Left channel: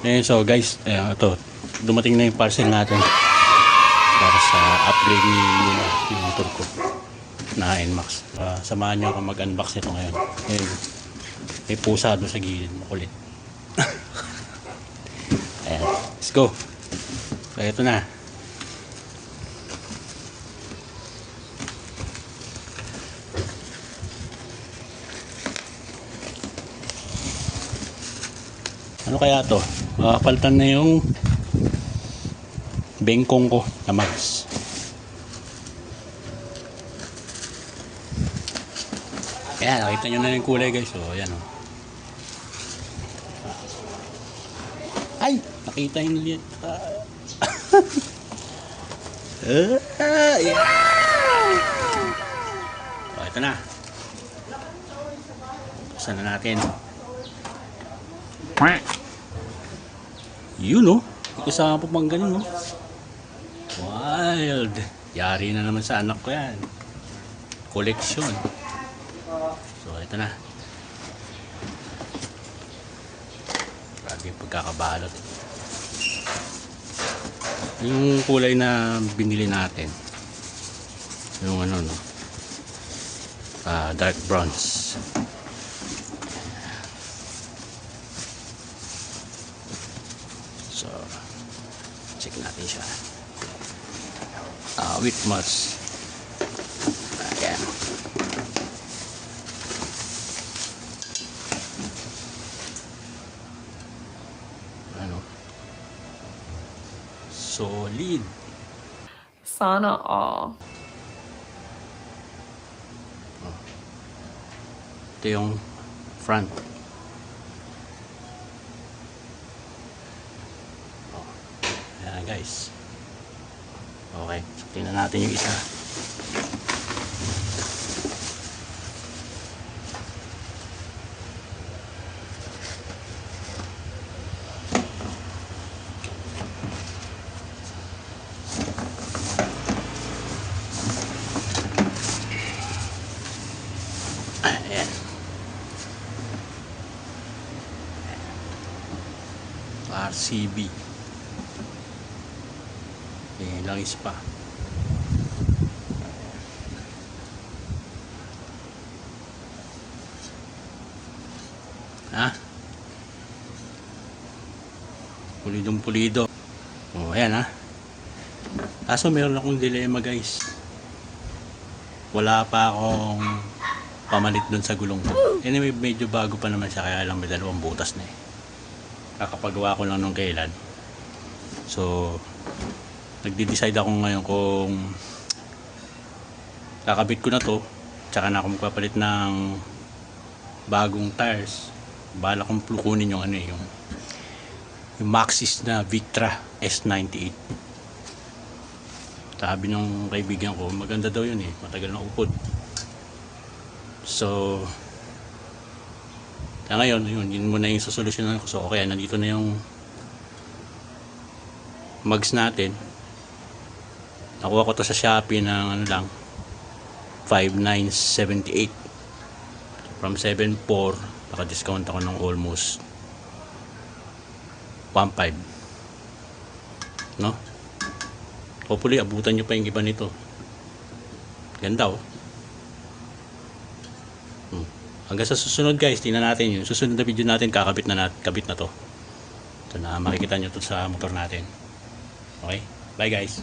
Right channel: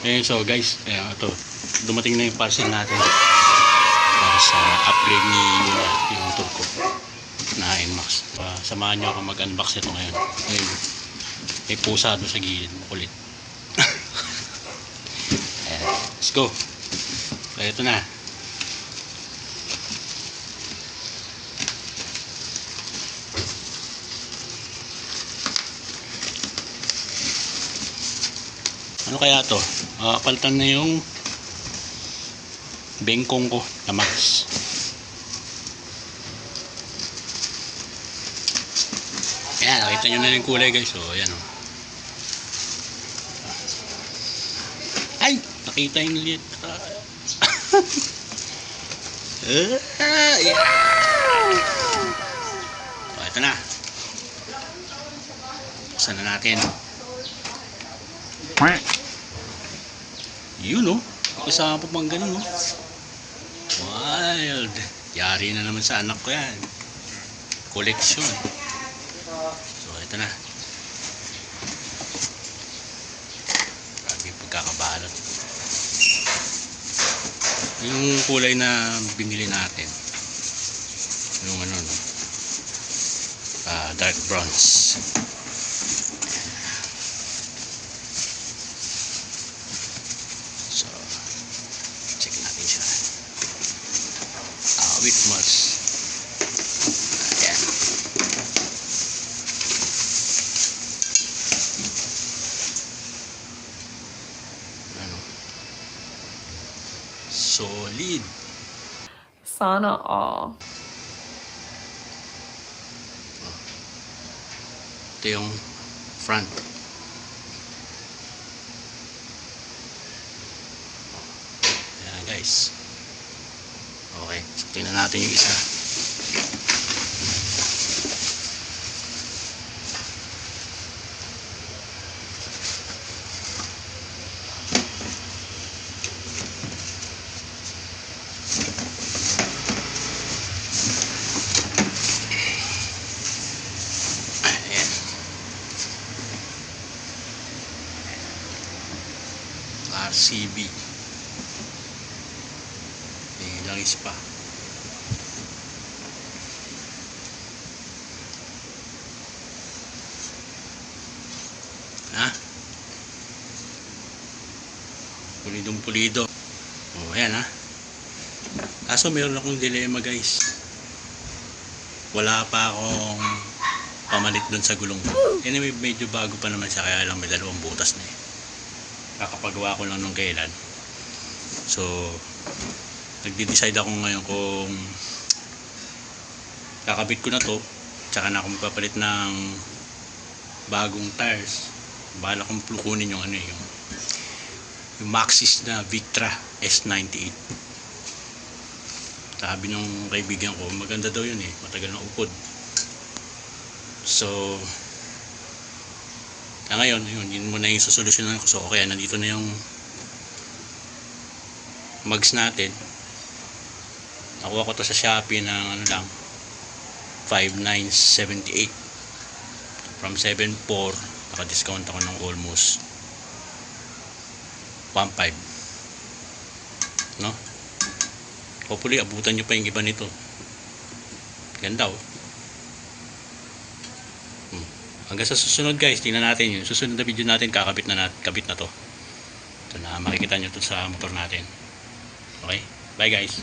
Ayun, so guys, ayan, ito. Dumating na yung parcel natin para sa upgrade ni Yuna, yung motor ko na NMAX. Samahan nyo ako mag-unbox nito ngayon. Ayun, may pusa doon sa gilid, makulit. Ayan, let's go. So, ito na. Ano kaya to? Palitan na yung bengkong ko na mags. Ayan, nakita nyo na yung kulay guys. So, ayan o. Ay! Nakita yung liit. Yeah. So, ito na. Buksan na natin. Yun no, kasama pa pang ganun no. Wild. Yari na naman sa anak ko yan. Collection. So ito na. Grabe yung pagkakabalot. Yung kulay na binili natin, yung ano no, dark bronze. So, check natin siya. With mods. Ayan. Ano? Solid. Sana all. Oh. Ito yung front. Guys, okay, so tingnan natin yung isa. Ayan. RCB. Langis pa. Ha? Pulidong pulido. Oh, ayan ha. Kaso meron akong dilema guys. Wala pa akong pamalit dun sa gulong ko. Anyway, medyo bago pa naman siya, kaya lang may dalawang butas na eh. Kakapagawa ko lang nung kailan. So, nagde-decide ako ngayon kung kakabit ko na to, tsaka na ako magpapalit ng bagong tires. Bala kong kunin yung ano yung Maxxis na Victra S98. Sabi ng kaibigan ko, maganda daw yun eh, matagal na upod. So ngayon, yun muna yung sosolusyonan ko. So okay, nandito na yung mags natin. Nakuha ko to sa Shopee ng ano lang, 5,978 from 7,400. Naka-discount ako ng almost 1,500, no? Hopefully abutan nyo pa yung iba nito. Ganda oh. Hanggang sa susunod guys, tingnan natin yung susunod na video natin. Kabit na to. Ito na, makikita nyo to sa motor natin. Okay, bye guys.